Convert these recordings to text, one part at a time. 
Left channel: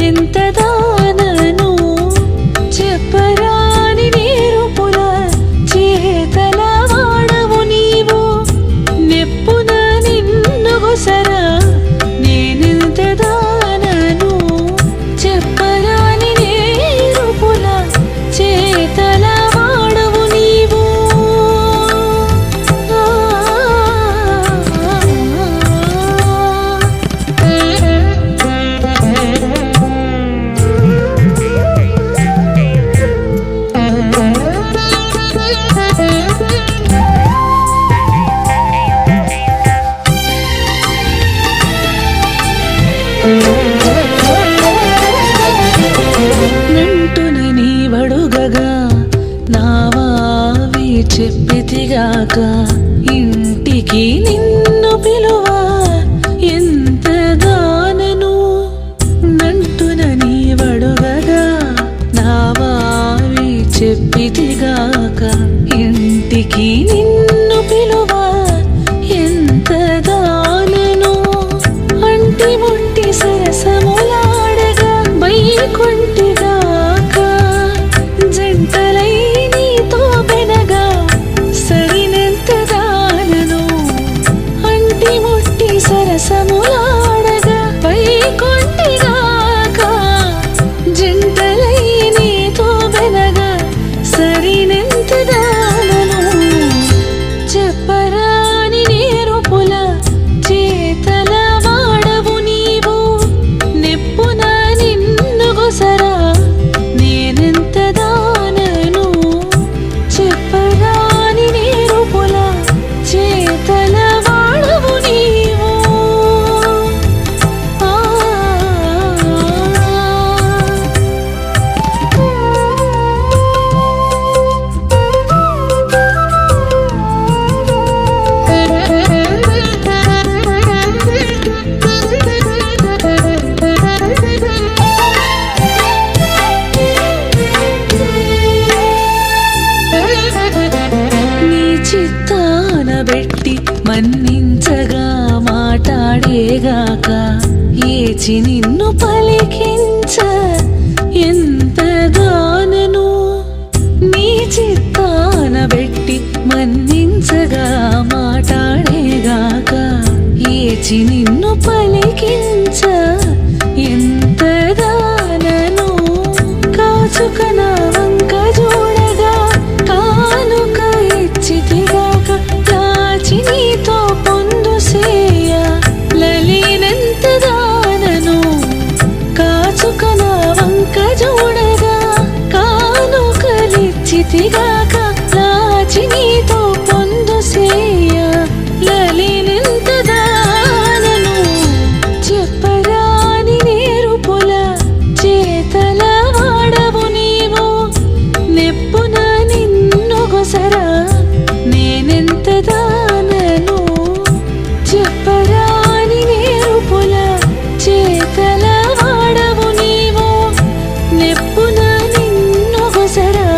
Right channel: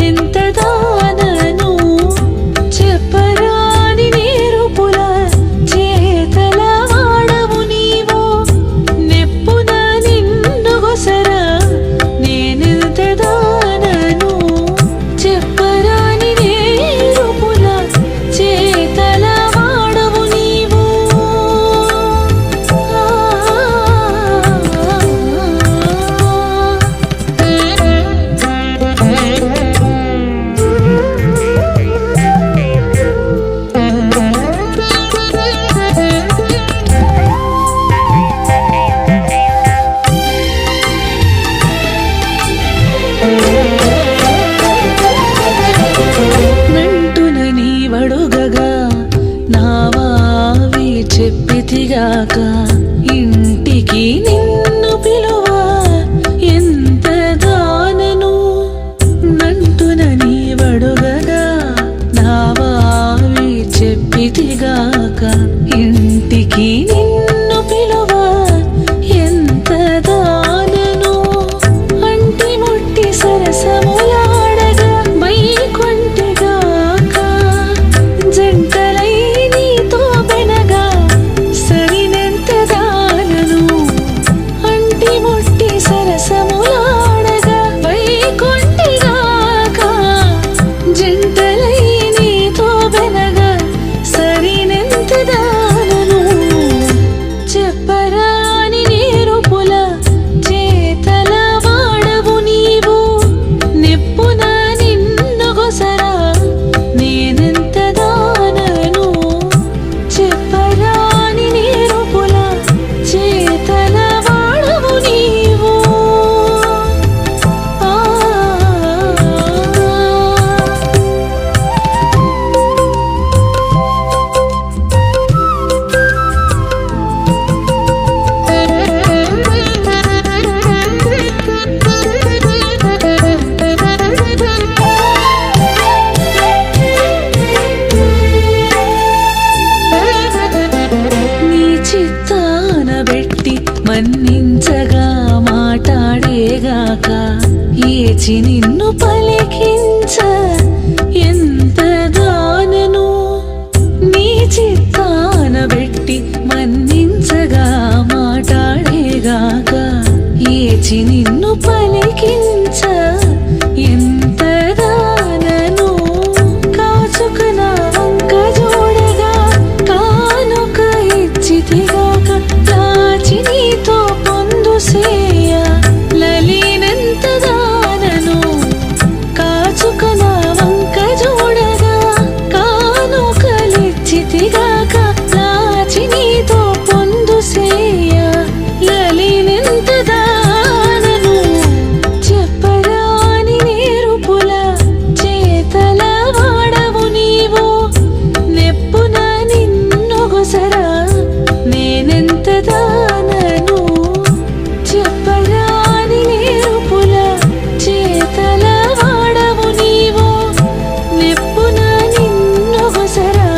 నేనెంత దానను చెప్పరాని నేరుపుల చేతల వాడవు నీవు నెప్పున నిన్ను గొసరా నేనెంత దానను చెప్పరాని నేరుపుల చేతల వాడవు నీవు వడుగగా నావావి చెప్పితిగాక ఇంటికి నిన్ను పిలువ ఎంత దానను నంటున నీ వడుగగా నావావి చెప్పితిగాక ఇంటికి నిన్ను పిలువ ఎంత దానను అంటి ముట్టి సరసములాడగా బైకొంటిగాక జంటలై నీతో బెనగా సరినెంత దానను అంటి ముట్టి సరసములాడగా వైకొంటిగాక జంటలై నీతో బెనగా సరినెంత దానను చెప్పరాని నేరుపుల చేతల వాడవు నీవు నెప్పున నిన్ను గొసరా నేనెంత దానను చెప్పరాని నేరుపుల చేతల వాడవు నీవు చిత్తానబెట్టి మన్నించగా మాటాడేగాక ఏచి నిన్ను పలికించ ఎంత దానను నీ చిత్తానబెట్టి మన్నించగా మాటాడేగాక ఏచి నిన్ను పలికించ ఎంత దానను కాచుక నా వంక చూడగా కానుక ఇచ్చితిగాక లాచి నీతో పొందు సేయ లలీనెంత దానను కాచుక నా వంక చూడగా కానుకలిచ్చితిగాక లాచి నీతో పొందు సేయ లలీనెంత దానను చెప్పరాని నేరుపుల చేతల వాడవు నీవు నెప్పున నిన్ను గొసరా నేనెంత దానను చెప్పరాని నేరుపుల చేతల వాడవు నీవు నెప్పున నిన్ను గొసరా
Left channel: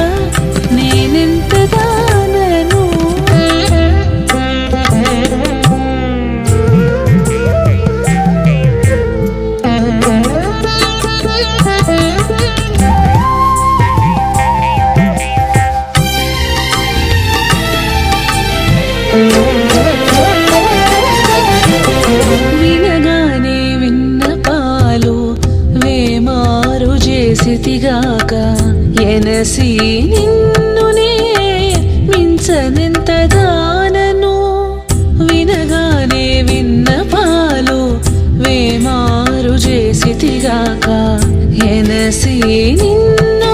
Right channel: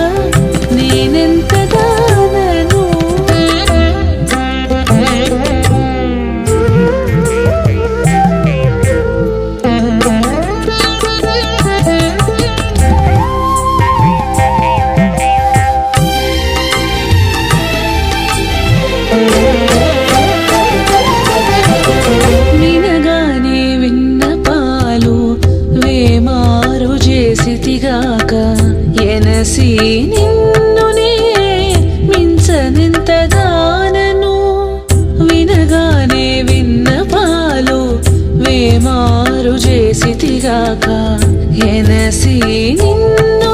నేనెంత దానను వినగానే విన్నపాలు వేమారు చేసితిగాక ఎనసి నిన్నునే మించనెంత దానను వినగానే విన్నపాలు వేమారు చేసితిగాక ఎనసి నిన్ను